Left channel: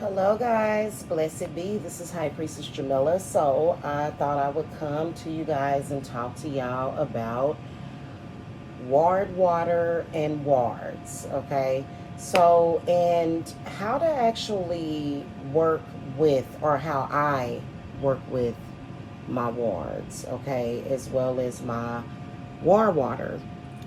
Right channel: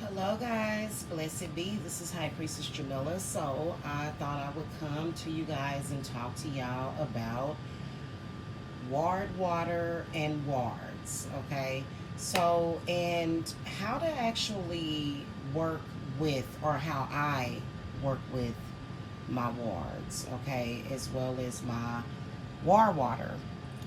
Hello guys, blessed be. This is High Priestess Jamila. So I thought I would come to you guys and talk to y'all about ward water and wards. Okay, so and how to actually work with, or how I work with my wards, okay, as well as my war water.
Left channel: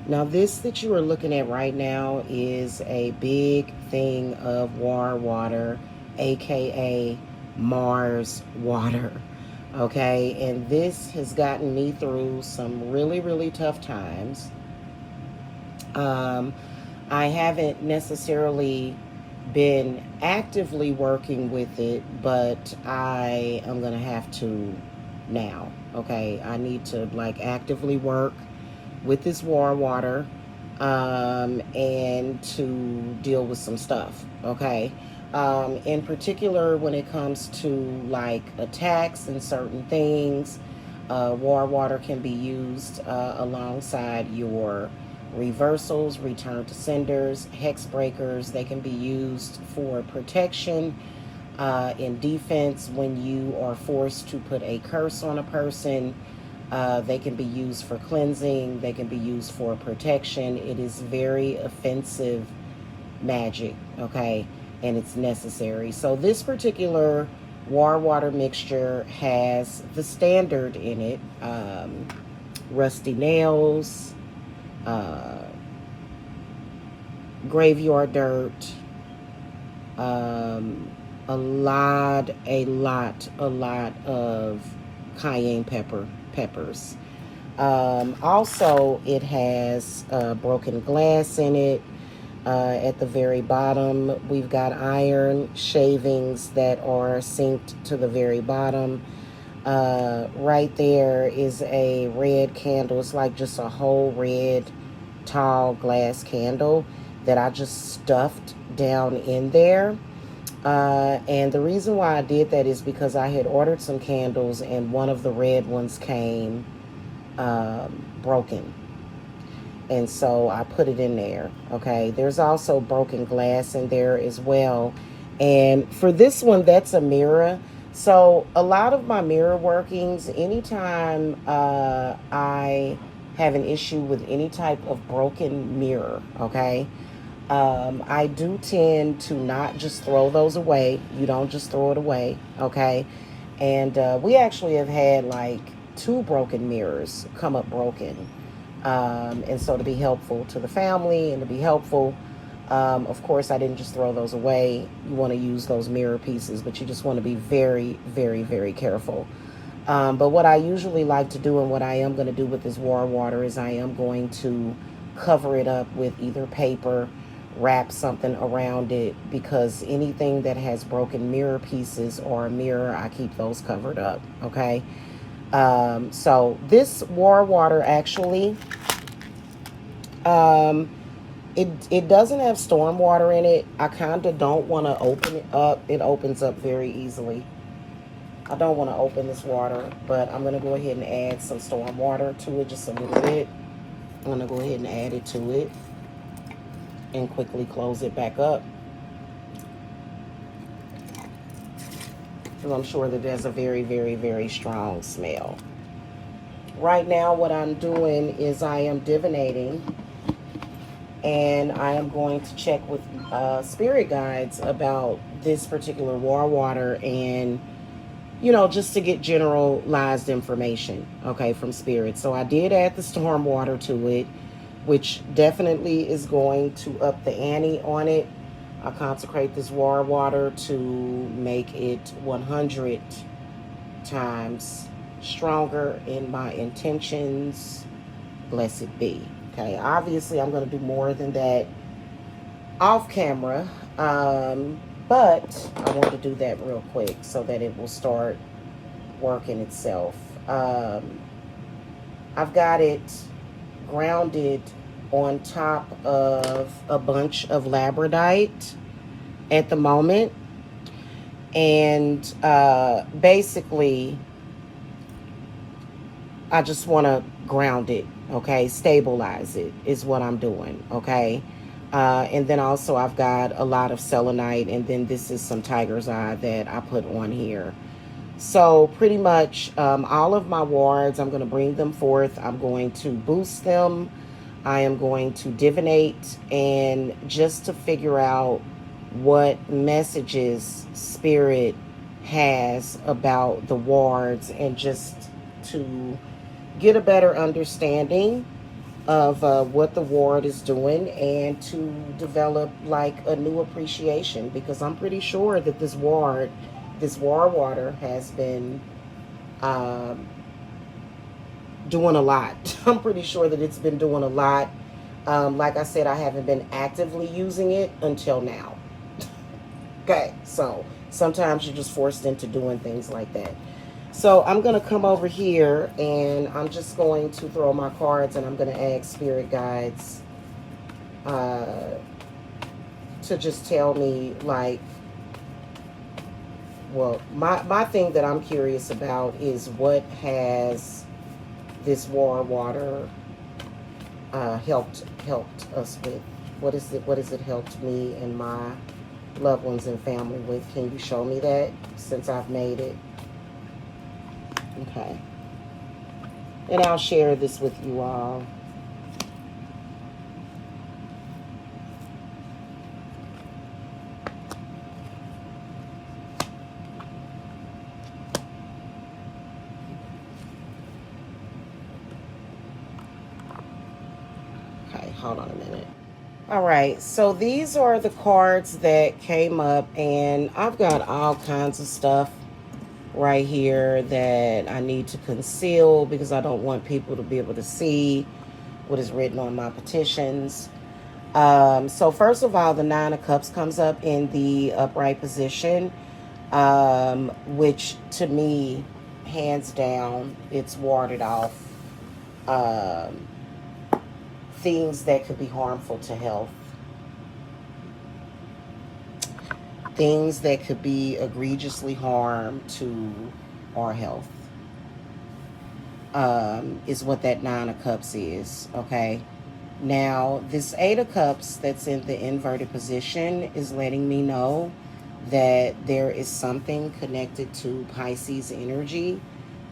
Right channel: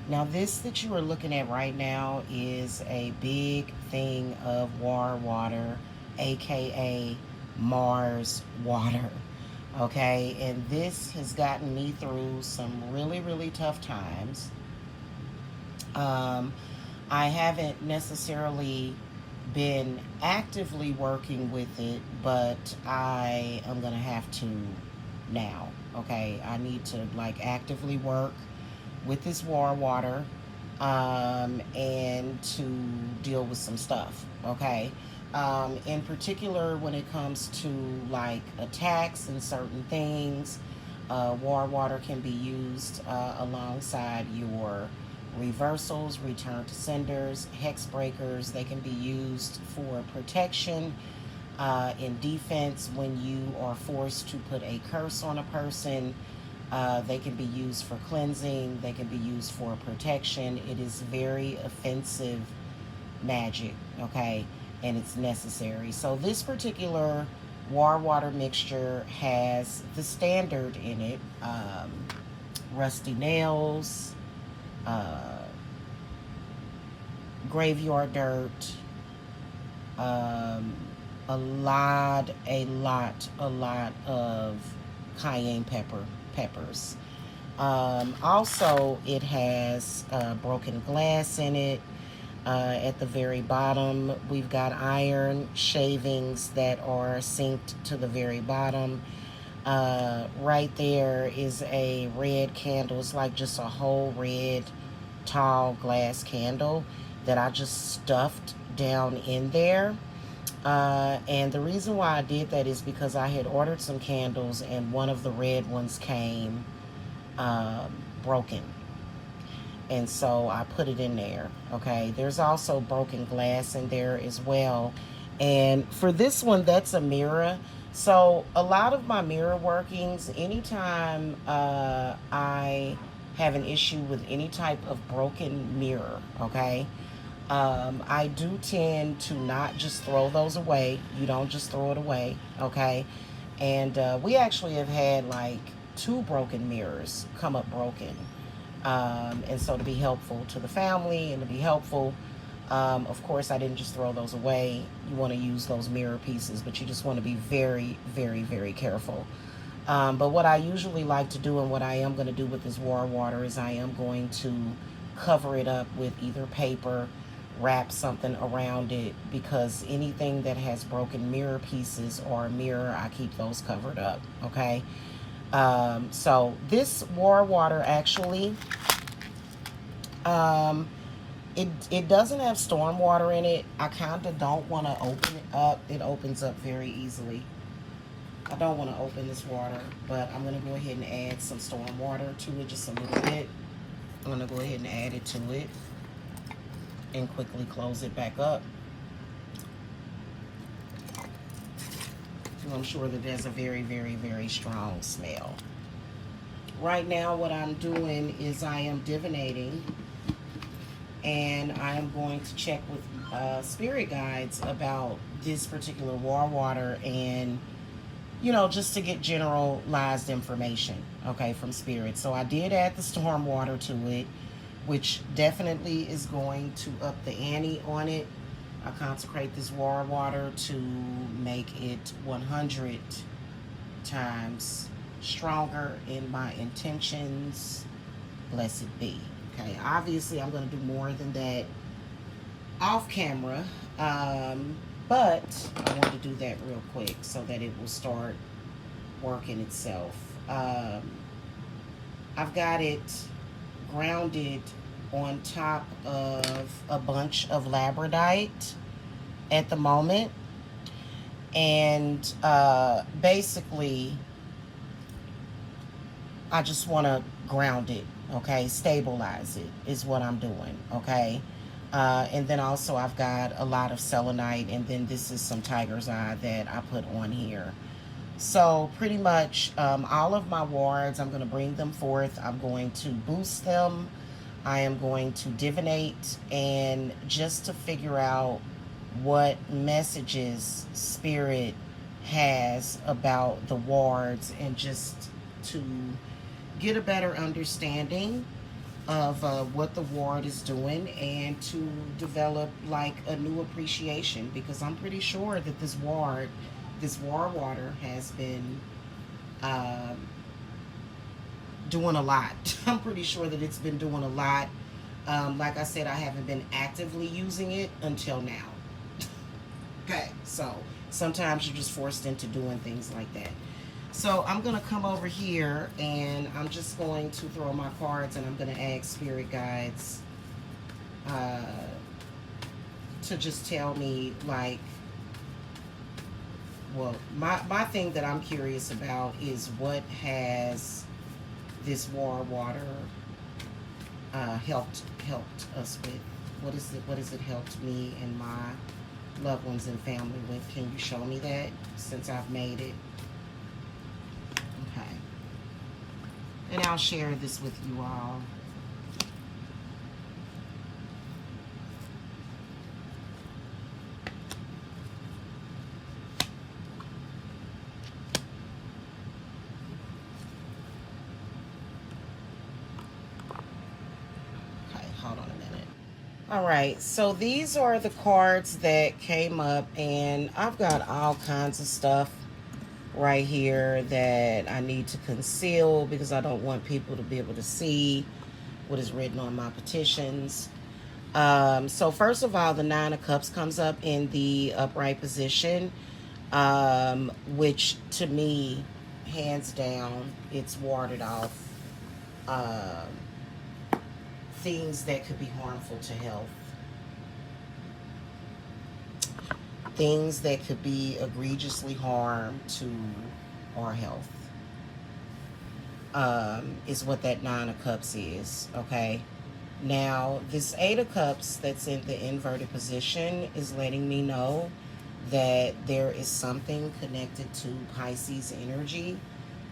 Now, this that you are looking at right now is a big thing of war water, aka Mars water. Okay, and this has gotten me through some really, really tough times. Um, I haven't necessarily been actively working with it, but I am going to have to now. Okay, I need to like actively work with this war water and to deal with some stuff. Okay. In particular, when it comes to like attacks and certain things, war water can be used alongside your reversals, return to senders, hex breakers. They can be used for protection, in defense when you are forced to put a curse on a person. They can be used for cleansing. They can be used for protection. It is very offensive magic, okay? And it's necessary. So this particular war water mixture has the standard in it. Rusty nails, uh, graveyard dirt, a lot of cayenne peppers. Also, it has broken glass in it. At the very bottom, we've got iron shavings that are synced to the very bottom. Right there is a red candle. It's like just a whole red, tall glass candle that I just stuffed down in there. And the reason why I did that is because I had ordered some candles and one of the red ones came broken. And so I put it in there. Okay. There's also broken glass in there as well. And for this one, that's a mirror. So a lot of my mirror workings, anytime I have an issue with any type of broken mirror, okay, I do tend to not just throw those away. You don't just throw it away, okay? And we actually have had like 2 broken mirrors come up broken. And so to be helpful to the family and to be helpful, of course, I didn't just throw those away. You want to use those mirror pieces, but you just want to be very, very, very careful. But what I usually like to do and what I am going to do with this war water is I am going to cover it up with either paper, wrap something around it, because anything that has broken mirror pieces or a mirror, I keep those covered up, okay? So this war water actually, it doesn't have storm water in it. I kind of don't want to open it up. It opens up very easily. I don't want to open this water, but I'm going to go ahead and add some storm water to it, just a little bit. I'm going to go ahead and add it to it and quickly close it back up, because I'm sure that there's a very, very, very strong smell. Right now, what I'm doing is I am divinating, and I am going to check with spirit guides about this particular war water, and just to get generalized information, okay, from spirit. So I did add the storm water to it, which definitely is going to up the ante on it. I consecrate this war water to make it 100 times stronger in my intentions. Blessed be. Okay, obviously I'm going to do more than that off camera, but I want to do that real quick so that it will start working itself. I've got it grounded on top of a bunch of labradorite at the moment, and basically I just want to ground it, okay, stabilize it is what I'm doing, okay. And then also I've got a lot of selenite, and then this is some tiger's eye that I put on here. So pretty much all of my wards, I'm going to bring them forth. I'm going to boost them. I am going to divinate, and just to figure out what messages spirit has about the wards, and just to get a better understanding of what the ward is doing, and to develop like a new appreciation, because I'm pretty sure that this war water has been doing a lot. I'm pretty sure that it's been doing a lot. Like I said, I haven't been actively using it until now. Okay, so sometimes you're just forced into doing things like that. So I'm going to come over here, and I'm just going to throw my cards, and I'm going to ask spirit guides to just tell me, like, well, my thing that I'm curious about is what has this war water helped us with? What has it helped me and my loved ones and family with? Can you show me that, since I've made it? Okay. And I'll share this with you all. Okay, hold on a minute. All right, so these are the cards that came up, and I've got all kinds of stuff right here that I need to conceal because I don't want people to be able to see what is written on my petitions. So first of all, the Nine of Cups comes up in the upright position, which to me, hands down, it's warded off things that could be harmful to health. Things that could be egregiously harm to our health, is what that Nine of Cups is, okay? Now, this Eight of Cups that's in the inverted position is letting me know that there is something connected to Pisces energy,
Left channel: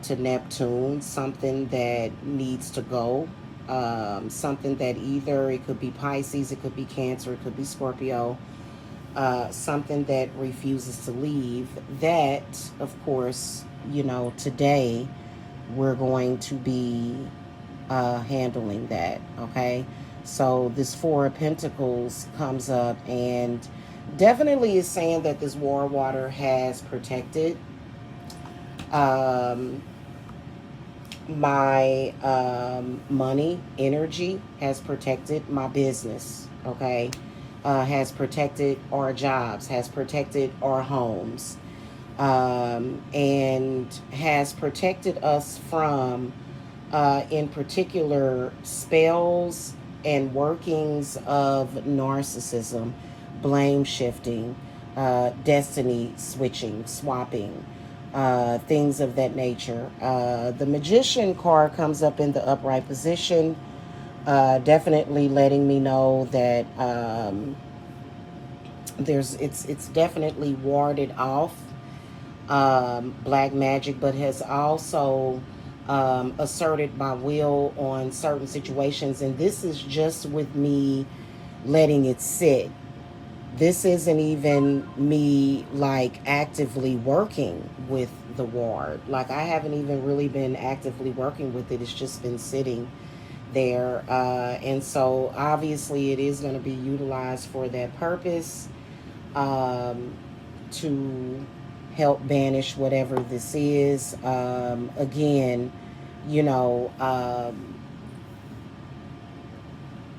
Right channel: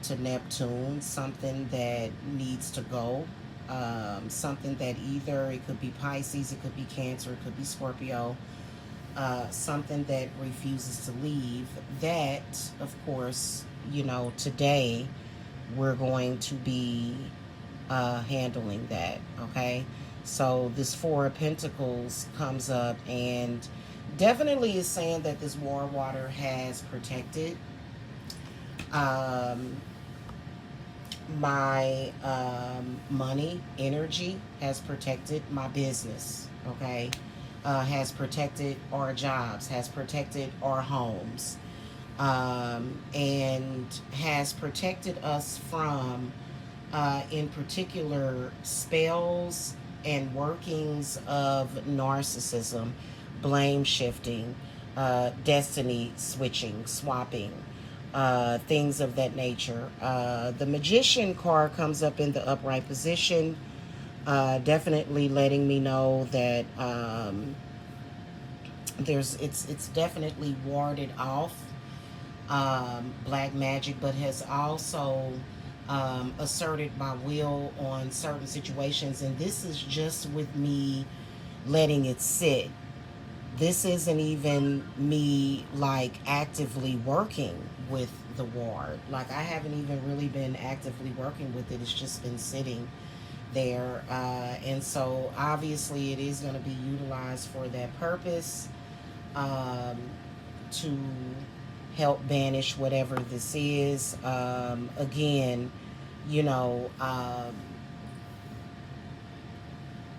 to Neptune, something that needs to go, something that either it could be Pisces, it could be Cancer, it could be Scorpio, something that refuses to leave. That, of course, you know, today we're going to be handling that, okay? So this Four of Pentacles comes up, and definitely is saying that this war water has protected my money, energy, has protected my business, okay? Has protected our jobs, has protected our homes, and has protected us from, in particular, spells and workings of narcissism, blame shifting, destiny switching, swapping, things of that nature. The Magician card comes up in the upright position, definitely letting me know that it's definitely warded off black magic, but has also asserted my will on certain situations. And this is just with me letting it sit. This isn't even me like actively working with the ward. Like, I haven't even really been actively working with it. It's just been sitting there. And so obviously it is going to be utilized for that purpose, to help banish whatever this is. Again, you know,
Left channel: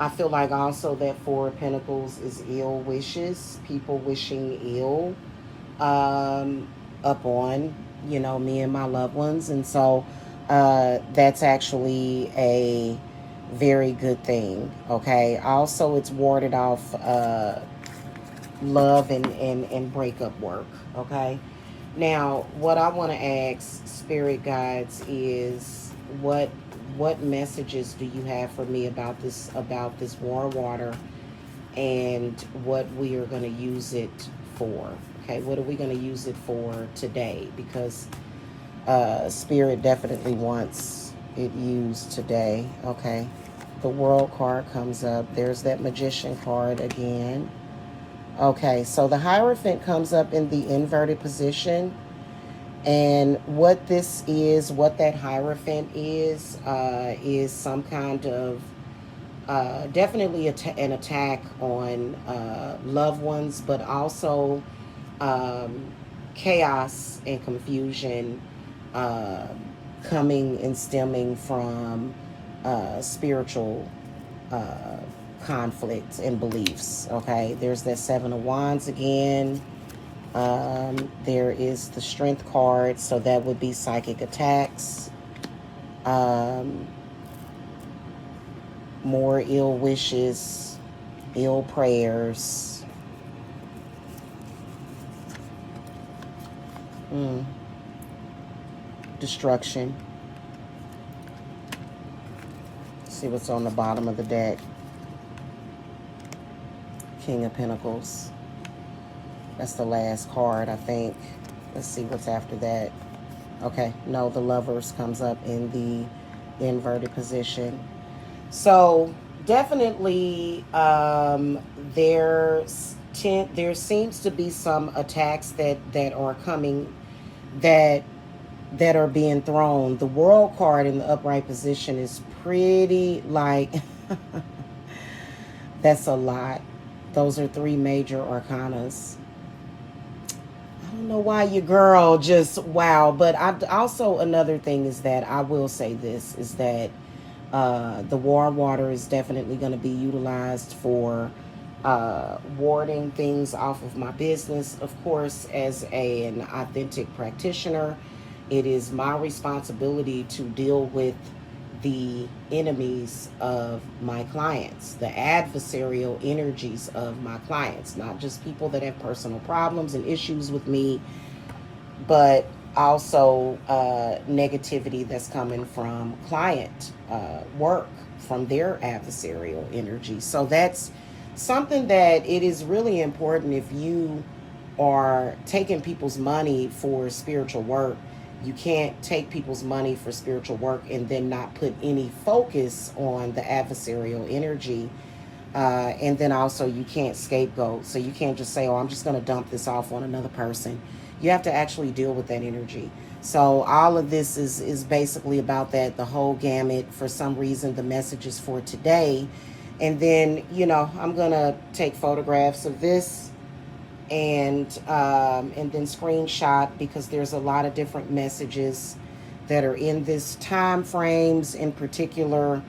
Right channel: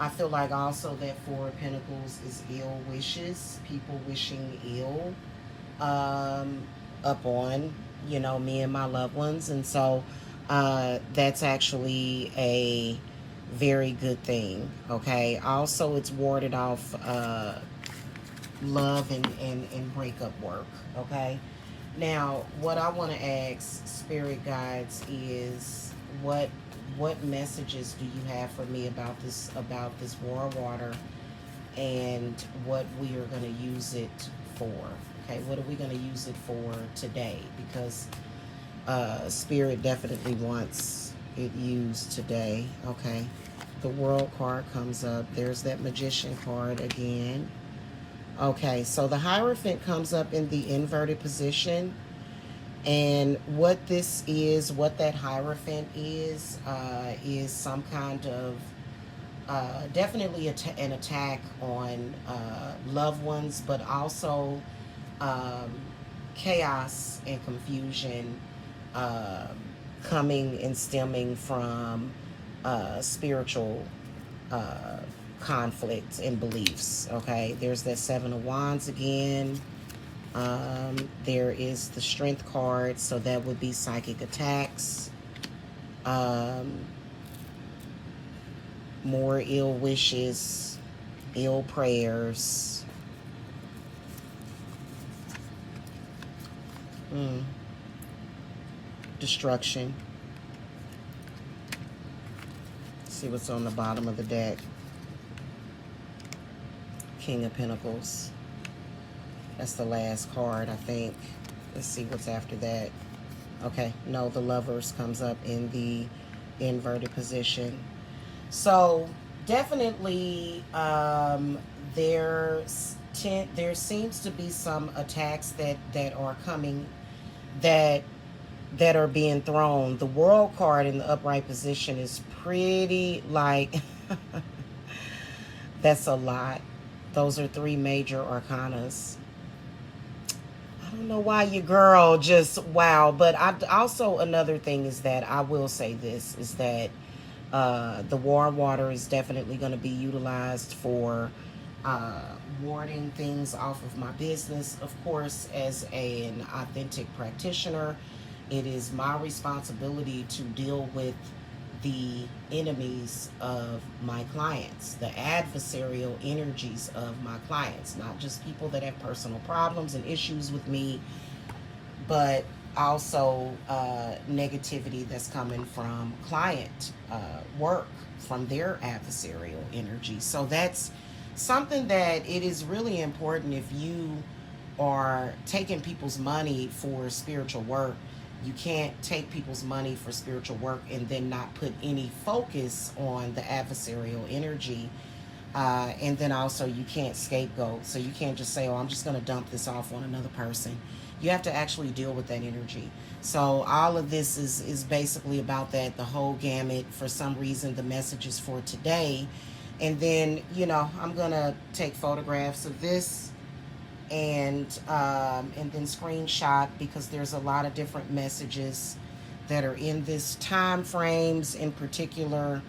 I feel like also that Four of Pentacles is ill wishes, people wishing ill upon, you know, me and my loved ones. And so that's actually a very good thing, okay? Also, it's warded off love and breakup work, okay? Now, what I want to ask spirit guides is, what messages do you have for me about this war water, and what we are going to use it for. Okay, what are we going to use it for today? Because Spirit definitely wants it used today. Okay, the World card comes up. There's that Magician card again. Okay, so the Hierophant comes up in the inverted position. And what this is, what that Hierophant is some kind of definitely an attack on loved ones, but also chaos and confusion uh, coming and stemming from spiritual uh, conflict and beliefs. Okay, there's that Seven of Wands again. There is the Strength card, so that would be psychic attacks. More ill wishes, ill prayers. Destruction. See what's on the bottom of the deck. King of Pentacles. That's the last card, I think. Let's see what's after that. Okay, no, the Lovers comes up in the inverted position. So definitely there seems to be some attacks that are coming, that are being thrown. The World card in the upright position is pretty like that's a lot. Those are 3 major arcanas. I don't know why your girl just wow. But I also, another thing is that I will say this is that the War Water is definitely going to be utilized for warding things off of my business. Of course, as an authentic practitioner, it is my responsibility to deal with the enemies of my clients, the adversarial energies of my clients, not just people that have personal problems and issues with me, but also negativity that's coming from client work, from their adversarial energy. So that's something that it is really important. If you are taking people's money for spiritual work, you can't take people's money for spiritual work and then not put any focus on the adversarial energy. And then also you can't scapegoat. So you can't just say, oh, I'm just going to dump this off on another person. You have to actually deal with that energy. So all of this is basically about that, the whole gamut. For some reason, the message is for today. And then, I'm going to take photographs of this and then screenshot, because there's a lot of different messages that are in this time frames. In particular,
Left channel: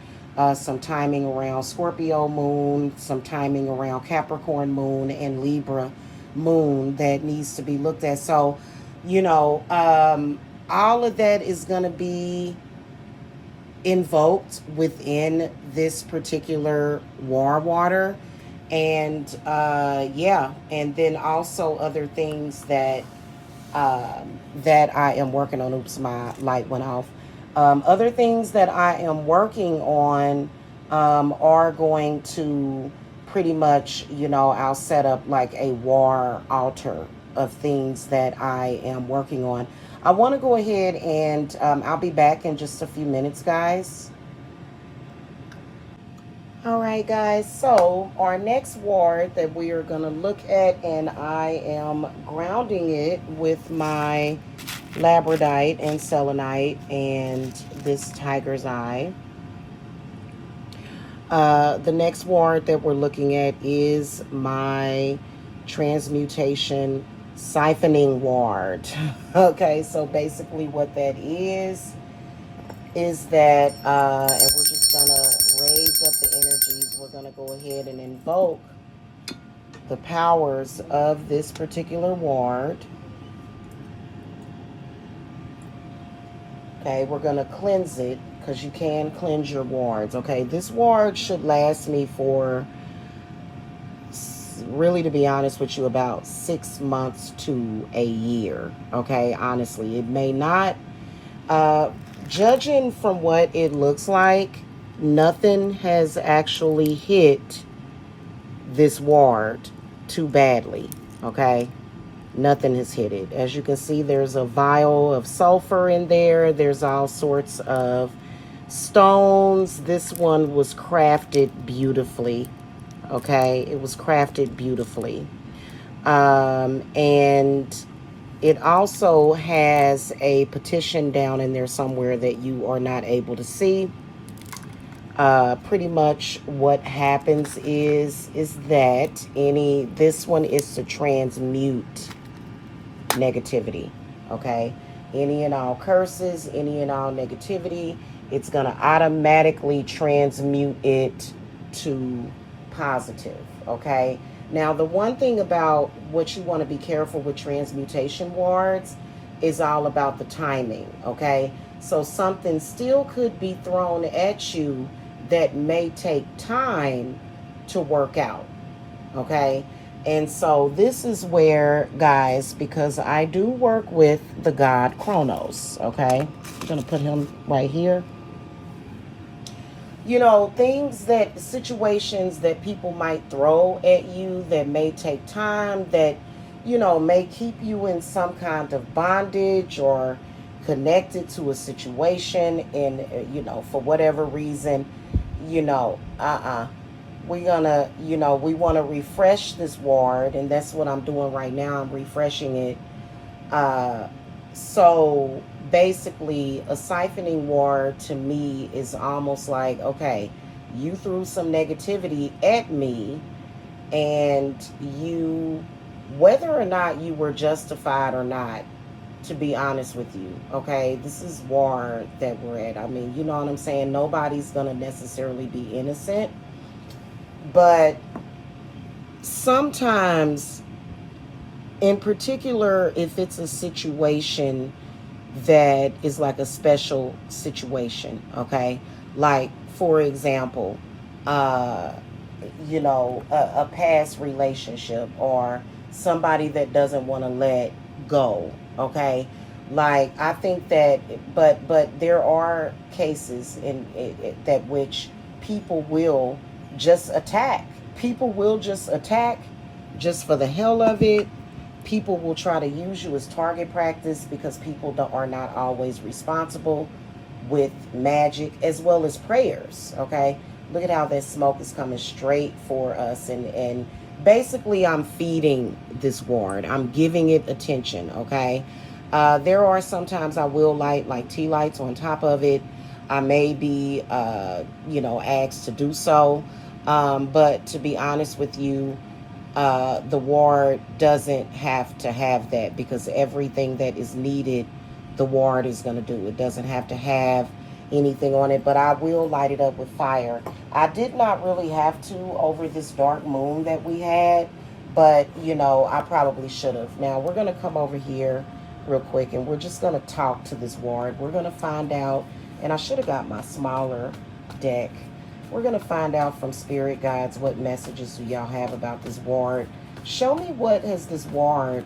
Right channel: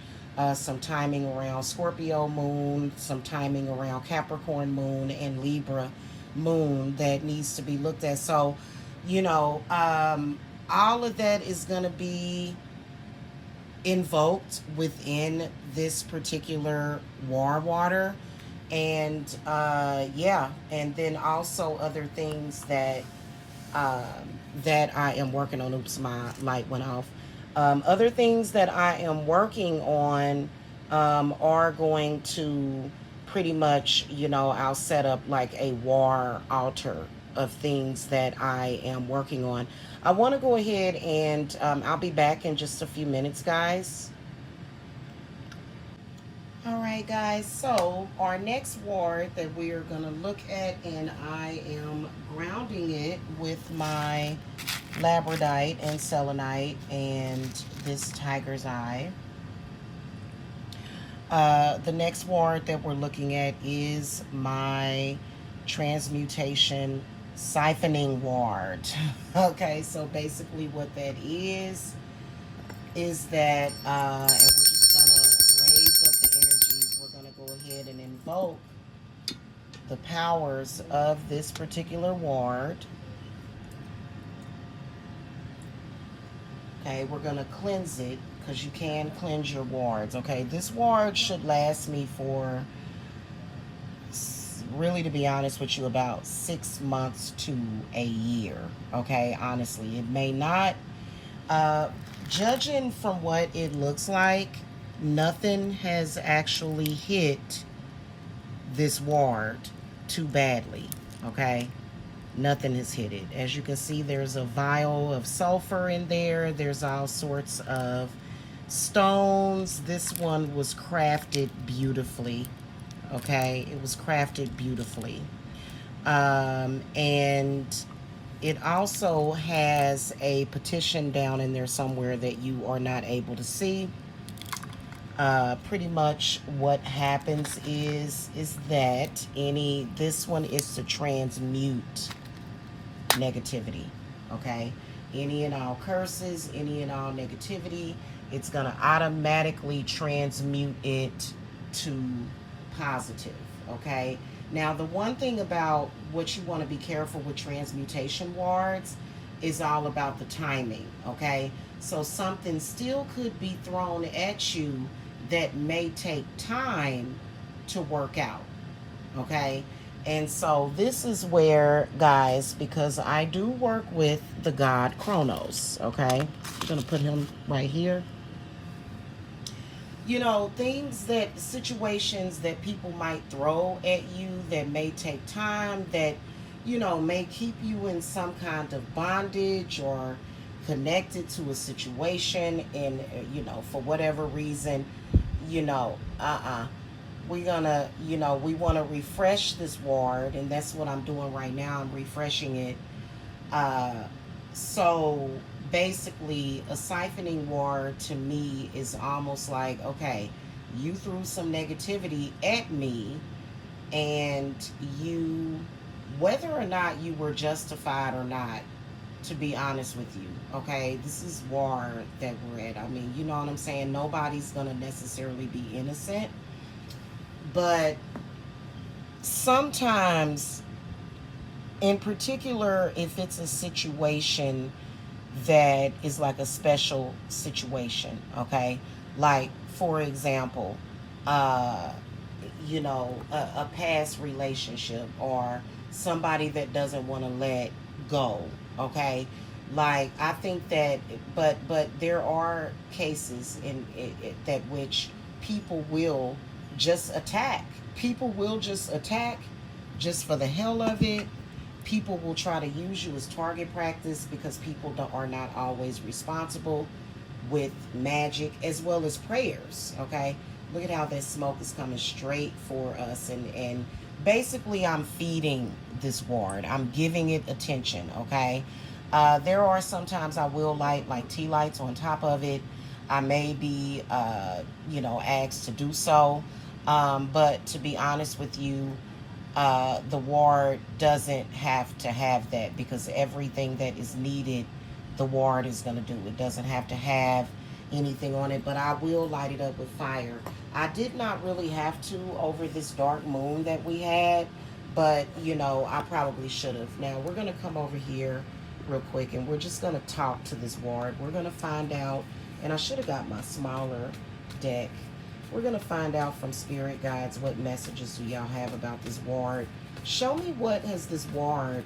some timing around Scorpio moon, some timing around Capricorn moon and Libra moon that needs to be looked at. So all of that is going to be invoked within this particular War Water. And and then also other things that that I am working on. Oops, my light went off. Other things that I am working on are going to pretty much, I'll set up like a war altar of things that I am working on. I want to go ahead and I'll be back in just a few minutes, guys. All right, guys, so our next ward that we are going to look at, and I am grounding it with my labradorite and selenite and this tiger's eye. The next ward that we're looking at is my transmutation siphoning ward. Okay, so basically what that is that, and we're just gonna raise up the energies. We're gonna go ahead and invoke the powers of this particular ward. Okay, we're gonna cleanse it, because you can cleanse your wards. Okay, this ward should last me for, really, to be honest with you, about 6 months to a year. Okay, honestly, it may not. Judging from what it looks like, nothing has actually hit this ward too badly, okay? Nothing has hit it. As you can see, there's a vial of sulfur in there. There's all sorts of stones. This one was crafted beautifully, okay? It was crafted beautifully. And it also has a petition down in there somewhere that you are not able to see. Pretty much what happens is that this one is to transmute negativity, okay? Any and all curses, any and all negativity, it's going to automatically transmute it to positive, okay? Now, the one thing about what you want to be careful with transmutation wards is all about the timing, okay? So something still could be thrown at you that may take time to work out, okay? And so this is where, guys, because I do work with the god Kronos, okay? I'm going to put him right here. You know, situations that people might throw at you that may take time, that, you know, may keep you in some kind of bondage or connected to a situation and, you know, for whatever reason, you know, we're gonna, you know, we want to refresh this ward, and that's what I'm doing right now. I'm refreshing it. So basically, a siphoning ward to me is almost like, okay, you threw some negativity at me, and you, whether or not you were justified or not, to be honest with you, okay, this is war that we're at. I mean, you know what I'm saying? Nobody's gonna necessarily be innocent, but sometimes, in particular, if it's a situation that is like a special situation, okay, like for example, you know, a past relationship or somebody that doesn't want to let go, okay, like I think that, but there are cases in that which people will just attack. People will just attack just for the hell of it. People will try to use you as target practice because people are not always responsible with magic as well as prayers, okay? Look at how that smoke is coming straight for us, and basically I'm feeding this ward. I'm giving it attention, okay? There are sometimes I will light like tea lights on top of it. I may be, you know, asked to do so. But to be honest with you, the ward doesn't have to have that because everything that is needed, the ward is going to do. It doesn't have to have anything on it, but I will light it up with fire. I did not really have to over this dark moon that we had, but, you know, I probably should have. Now, we're going to come over here real quick, and we're just going to talk to this ward. We're going to find out, and I should have got my smaller deck. We're going to find out from spirit guides what messages do y'all have about this ward. Show me what has this ward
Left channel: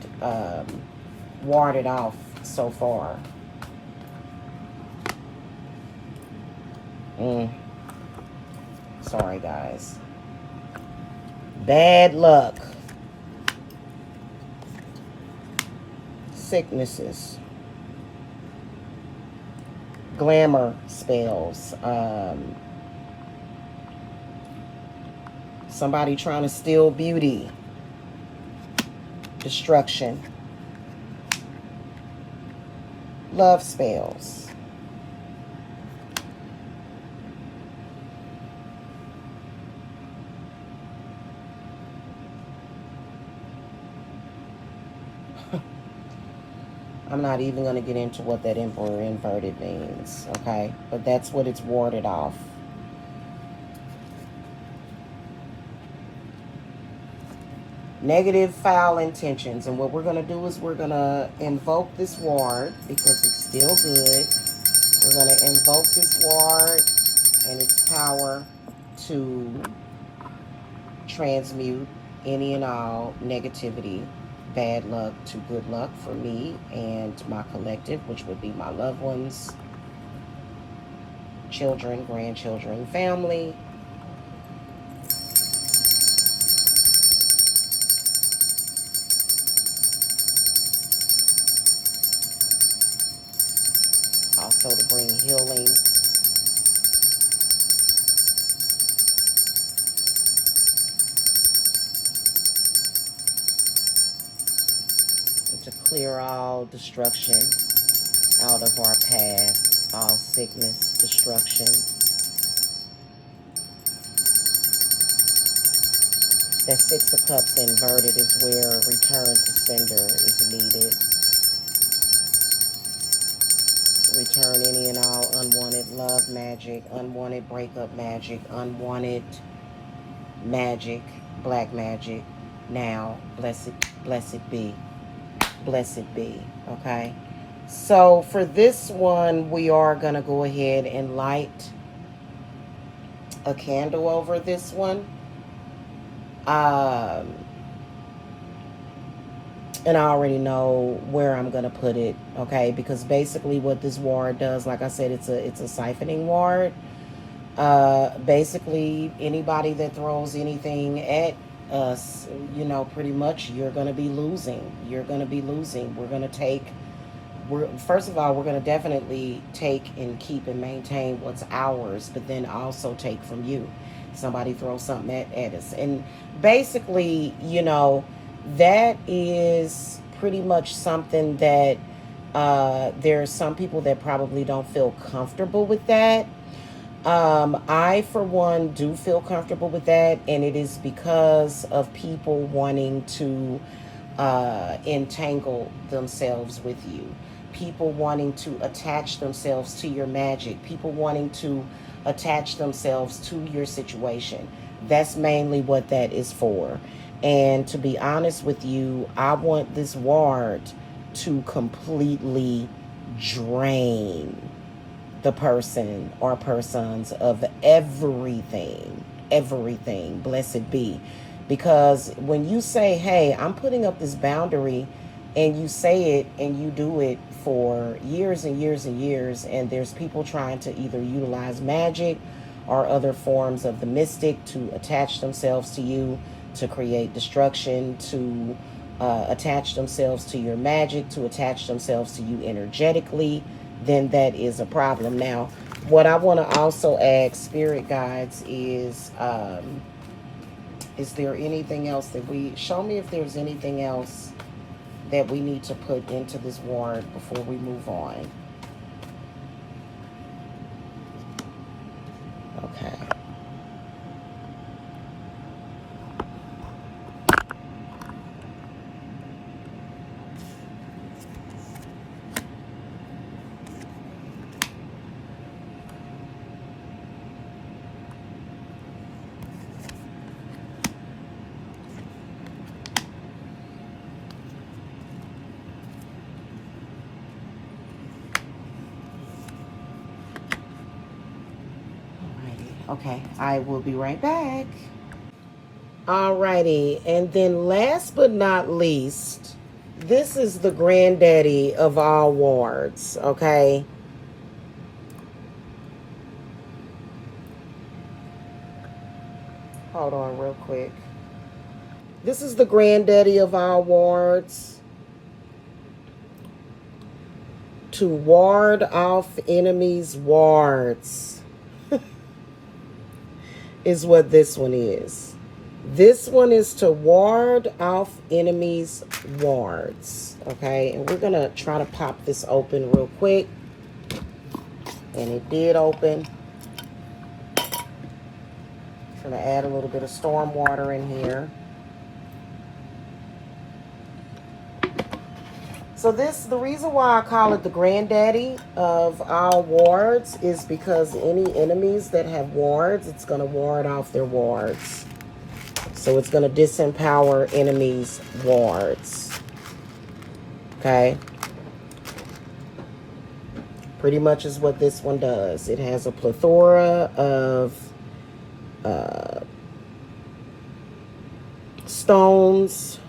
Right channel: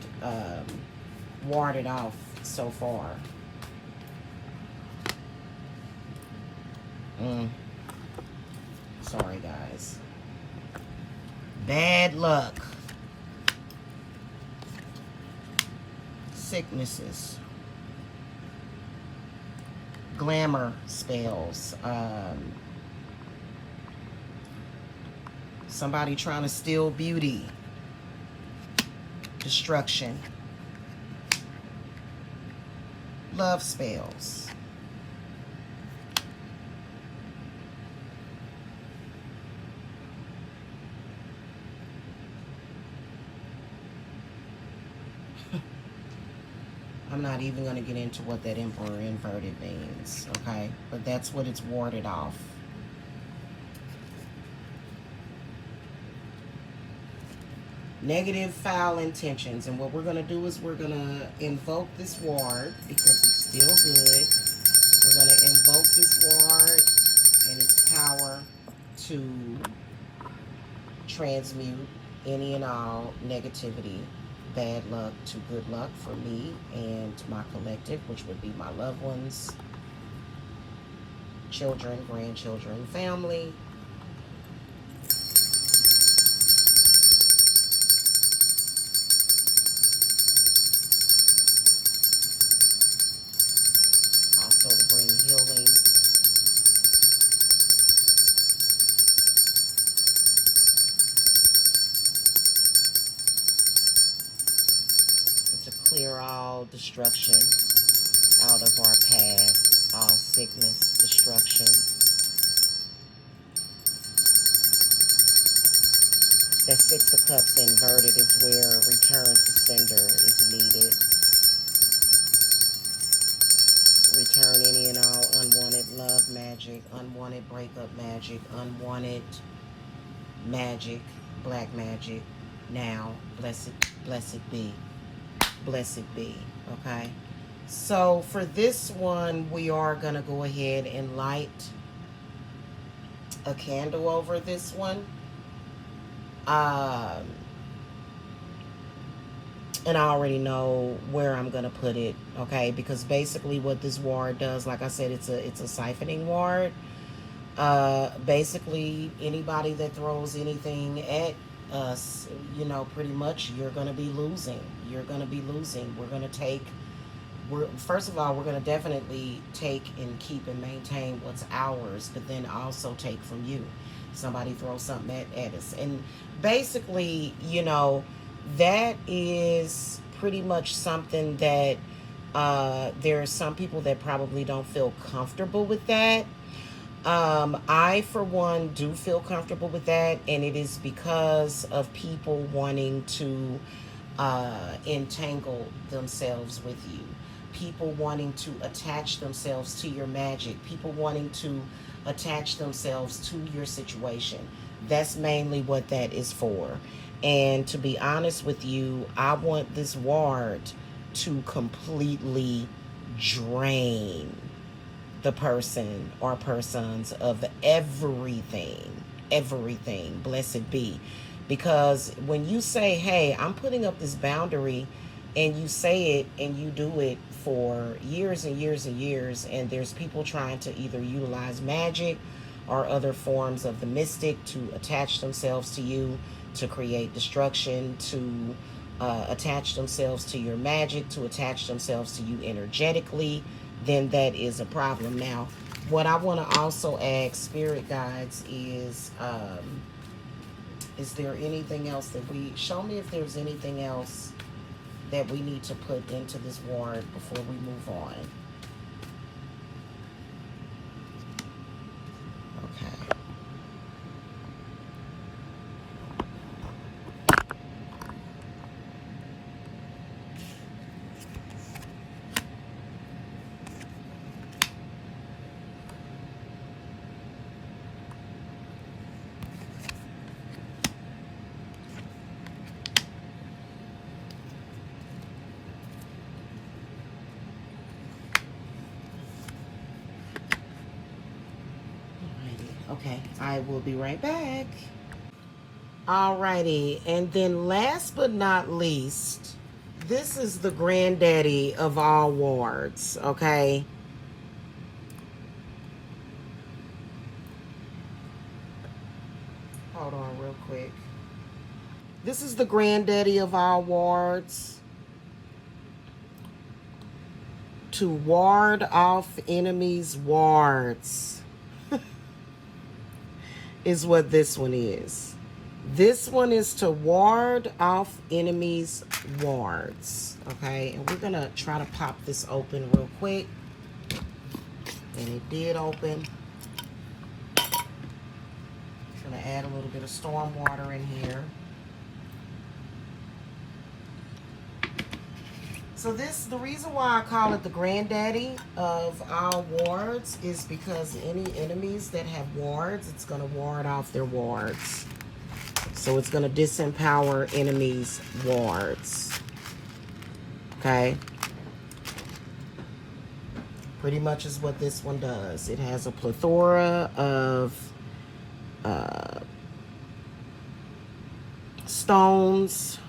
warded off so far. Sorry, guys. Bad luck. Sicknesses. Glamour spells. Somebody trying to steal beauty. Destruction. Love spells. I'm not even going to get into what that Emperor inverted means, okay? But that's what it's warded off. Negative, foul intentions. And what we're going to do is we're going to invoke this ward because it's still good. We're going to invoke this ward and its power to transmute any and all negativity, bad luck to good luck for me and my collective, which would be my loved ones, children, grandchildren, family. also to bring healing. And to clear all destruction out of our path, all sickness, destruction. That Six of Cups inverted is where return to sender is needed. Return any and all unwanted love magic, unwanted breakup magic, unwanted magic, black magic. Now, blessed be. Blessed be. Okay? So for this one, we are going to go ahead and light a candle over this one. And I already know where I'm gonna put it, okay? Because basically what this ward does, like I said, it's a siphoning ward. Basically anybody that throws anything at us, you know, pretty much you're gonna be losing. You're gonna be losing. First of all, we're gonna definitely take and keep and maintain what's ours, but then also take from you. Somebody throws something at us. And basically, you know, that is pretty much something that there are some people that probably don't feel comfortable with that. I, for one, do feel comfortable with that, and it is because of people wanting to entangle themselves with you. People wanting to attach themselves to your magic. People wanting to attach themselves to your situation. That's mainly what that is for. And to be honest with you, I want this ward to completely drain the person or persons of everything, blessed be. Because when you say, hey, I'm putting up this boundary, and you say it and you do it for years and years and years, and there's people trying to either utilize magic or other forms of the mystic to attach themselves to you, to create destruction, to attach themselves to your magic, to attach themselves to you energetically, then that is a problem. Now, what I want to also ask spirit guides is there anything else that show me if there's anything else that we need to put into this ward before we move on. Okay. Okay, I will be right back. Alrighty, and then last but not least, this is the granddaddy of all wards, okay? Hold on real quick. This is the granddaddy of all wards. To ward off enemies' wards is what this one is. This one is to ward off enemies' wards. Okay, and we're gonna try to pop this open real quick. And it did open. Gonna add a little bit of storm water in here. So the reason why I call it the granddaddy of all wards is because any enemies that have wards, it's going to ward off their wards. So it's going to disempower enemies' wards. Okay? Pretty much is what this one does. It has a plethora of stones,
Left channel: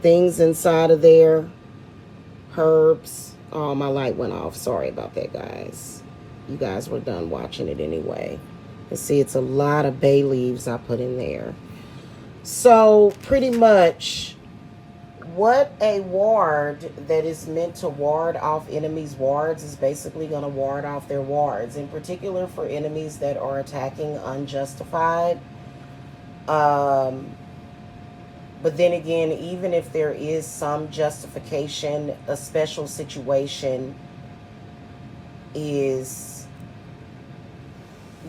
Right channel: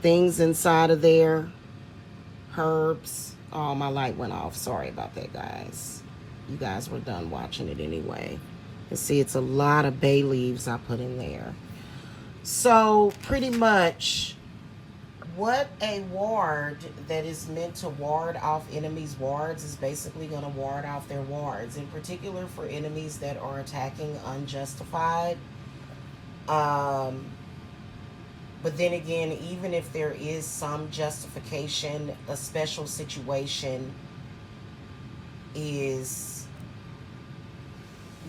things inside of there, herbs. Oh, my light went off. Sorry about that, guys. You guys were done watching it anyway. And see, it's a lot of bay leaves I put in there. So pretty much what a ward that is meant to ward off enemies' wards is basically going to ward off their wards, in particular for enemies that are attacking unjustified. But then again, even if there is some justification, a special situation is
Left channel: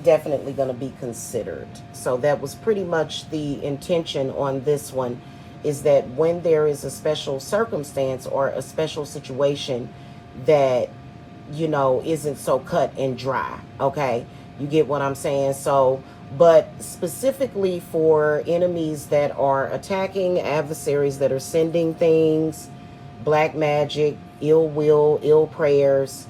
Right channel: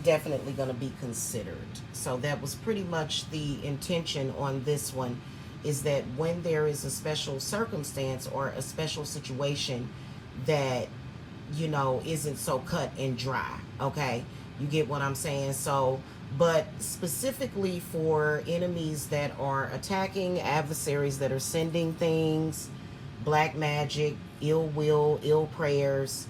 definitely going to be considered. So that was pretty much the intention on this one, is that when there is a special circumstance or a special situation that, isn't so cut and dry. Okay. You get what I'm saying? So, but specifically for enemies that are attacking, adversaries that are sending things, black magic, ill will, ill prayers,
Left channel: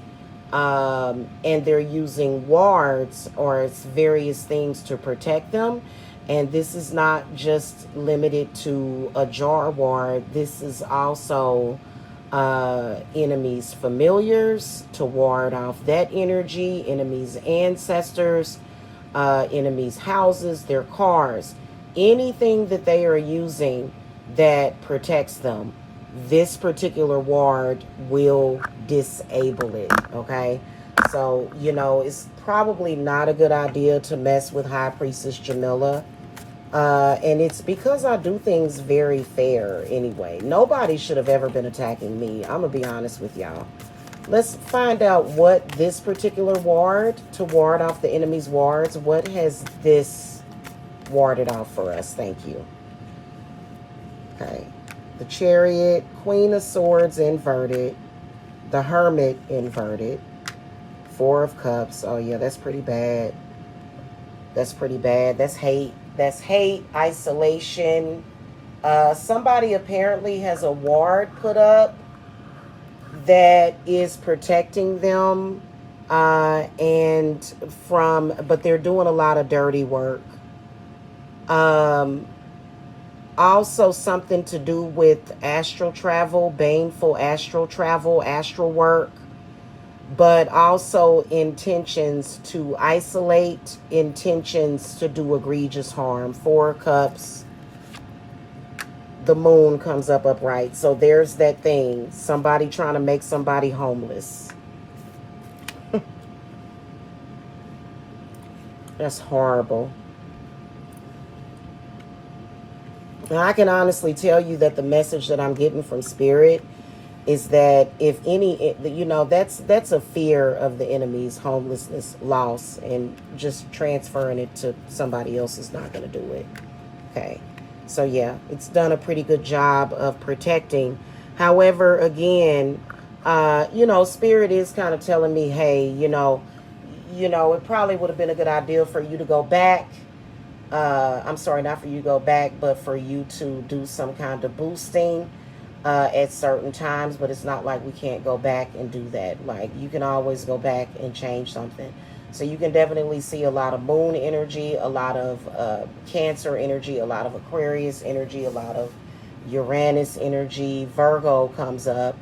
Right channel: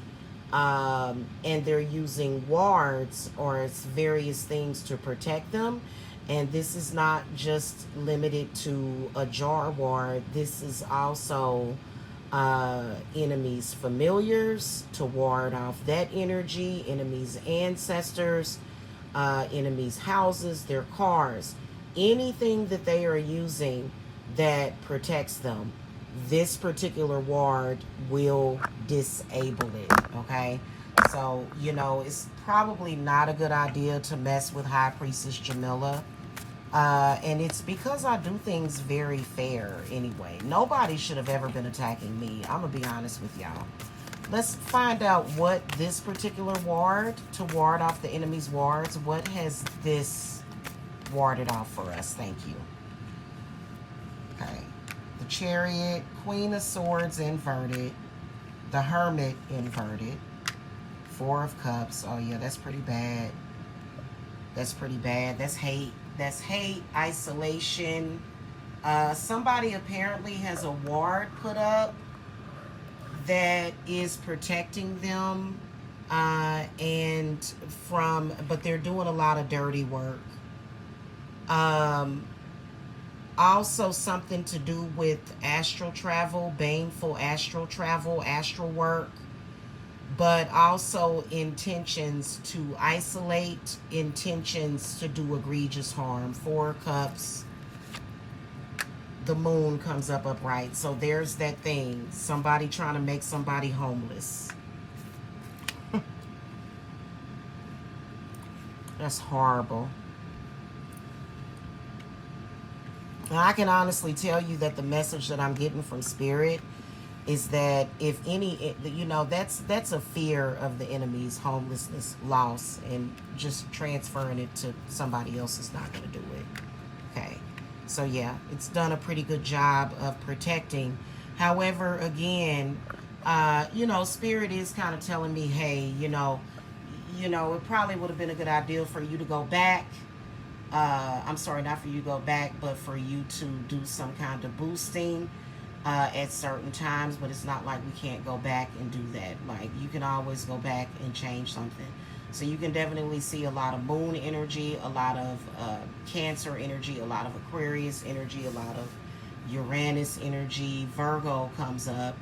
and they're using wards or various things to protect them. And this is not just limited to a jar ward. This is also enemies' familiars to ward off that energy, enemies' ancestors, enemies' houses, their cars, anything that they are using that protects them. This particular ward will disable it, okay? So, it's probably not a good idea to mess with High Priestess Jamila. And it's because I do things very fair anyway. Nobody should have ever been attacking me. I'm going to be honest with y'all. Let's find out what this particular ward, to ward off the enemy's wards, what has this warded off for us? Thank you. Okay. The Chariot, Queen of Swords inverted, the Hermit inverted, Four of Cups. Oh yeah, that's pretty bad. That's pretty bad. That's hate. That's hate, isolation. Somebody apparently has a ward put up that is protecting them, but they're doing a lot of dirty work. Also something to do with astral travel, baneful astral travel, astral work, but also intentions to isolate, intentions to do egregious harm. Four of Cups. The moon comes up upright. So there's that thing. Somebody trying to make somebody homeless. That's horrible. Now, I can honestly tell you that the message that I'm getting from Spirit is that if any, that's a fear of the enemy's homelessness, loss, and just transferring it to somebody else is not going to do it. Okay. So yeah, it's done a pretty good job of protecting. However, again, Spirit is kind of telling me, hey, it probably would have been a good idea for you to go back. I'm sorry, not for you to go back, but for you to do some kind of boosting at certain times. But it's not like we can't go back and do that. Like, you can always go back and change something. So you can definitely see a lot of moon energy, a lot of Cancer energy, a lot of Aquarius energy, a lot of Uranus energy. Virgo comes up,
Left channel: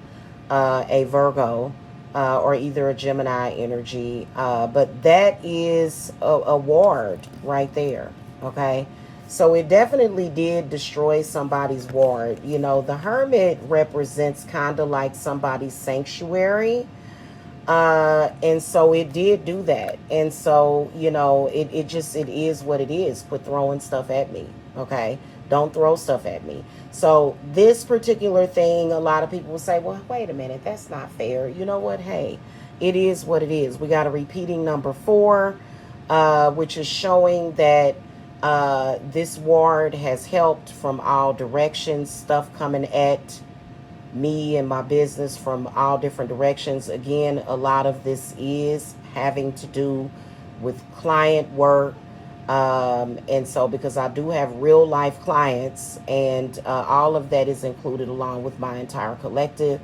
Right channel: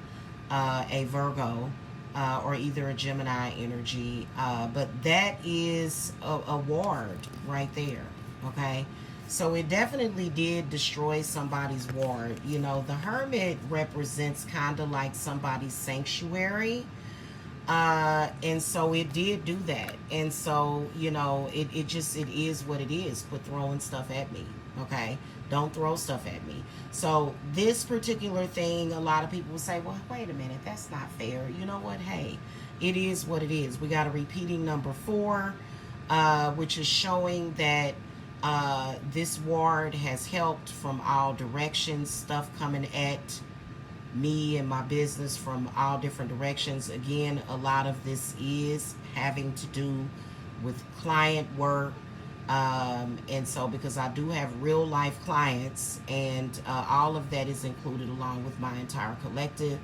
a Virgo, or either a Gemini energy. But that is a ward right there. Okay, so it definitely did destroy somebody's ward. The Hermit represents kind of like somebody's sanctuary. And so it did do that. And so, it is what it is. Quit throwing stuff at me. Okay. Don't throw stuff at me. So this particular thing, a lot of people will say, well, wait a minute, that's not fair. You know what? Hey, it is what it is. We got a repeating number 4, which is showing that this ward has helped from all directions, stuff coming at me and my business from all different directions. Again, a lot of this is having to do with client work. And so because I do have real life clients, and all of that is included along with my entire collective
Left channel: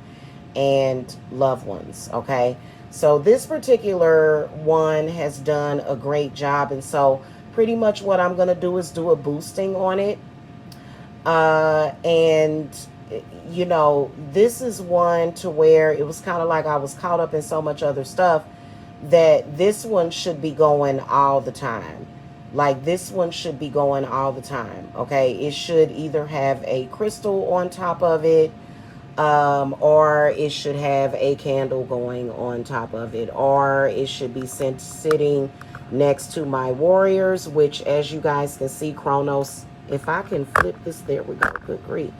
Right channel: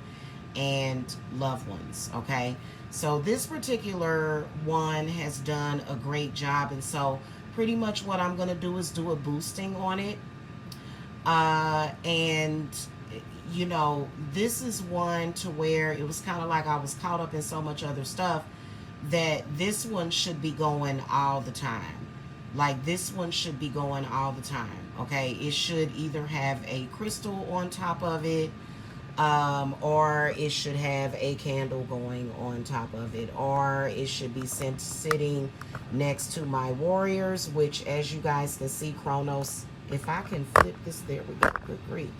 and loved ones. Okay. So this particular one has done a great job. And so pretty much what I'm going to do is do a boosting on it. And this is one to where it was kind of like I was caught up in so much other stuff that this one should be going all the time. Like this one should be going all the time, okay? It should either have a crystal on top of it, or it should have a candle going on top of it, or it should be sitting next to my warriors, which, as you guys can see, Chronos, if I can flip this, there we go, good grief.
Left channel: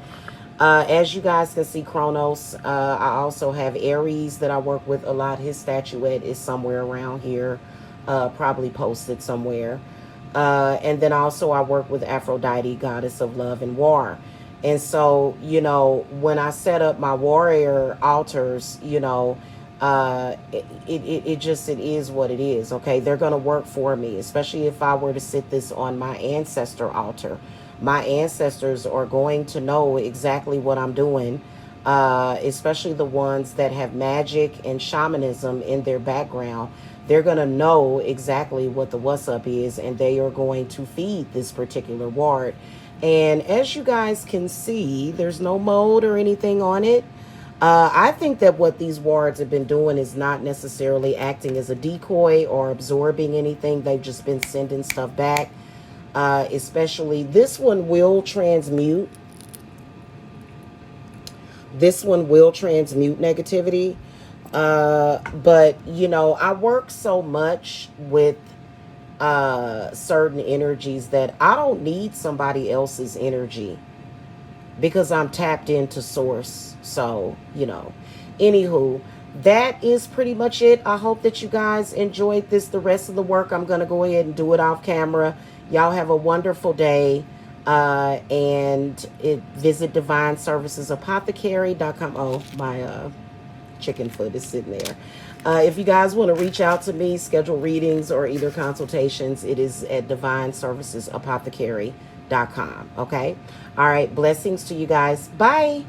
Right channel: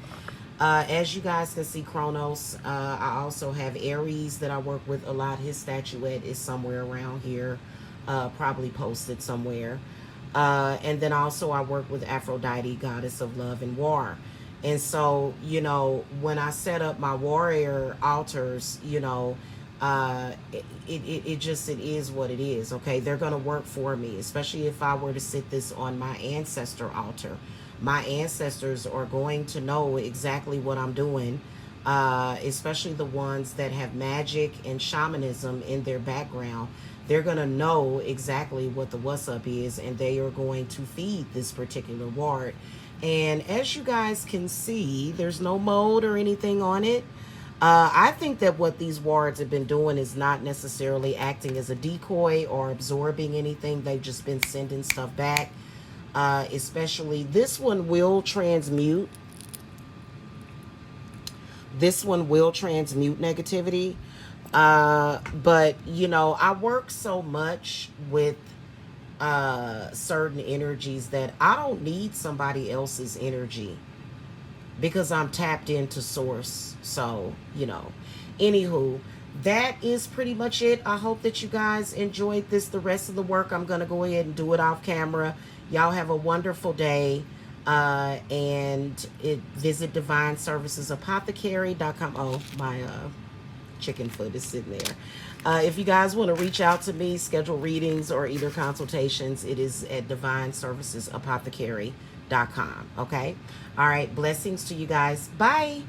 As you guys can see, Chronos, I also have Aries that I work with a lot. His statuette is somewhere around here, probably posted somewhere. And then also I work with Aphrodite, goddess of love and war. And so, you know, when I set up my warrior altars, you know, it is what it is. Okay, they're going to work for me, especially if I were to sit this on my ancestor altar. My ancestors are going to know exactly what I'm doing, especially the ones that have magic and shamanism in their background. They're going to know exactly what the what's up is, and they are going to feed this particular ward. And as you guys can see, there's no mold or anything on it. I think that what these wards have been doing is not necessarily acting as a decoy or absorbing anything. They've just been sending stuff back. Especially this one will transmute. This one will transmute negativity. But, you know, I work so much with certain energies that I don't need somebody else's energy because I'm tapped into source. So, you know, anywho, that is pretty much it. I hope that you guys enjoyed this. The rest of the work, I'm going to go ahead and do it off camera. Y'all have a wonderful day. And visit divineservicesapothecary.com. Oh, my chicken foot is sitting there. If you guys want to reach out to me, schedule readings or either consultations, it is at divineservicesapothecary.com. Okay. All right. Blessings to you guys. Bye.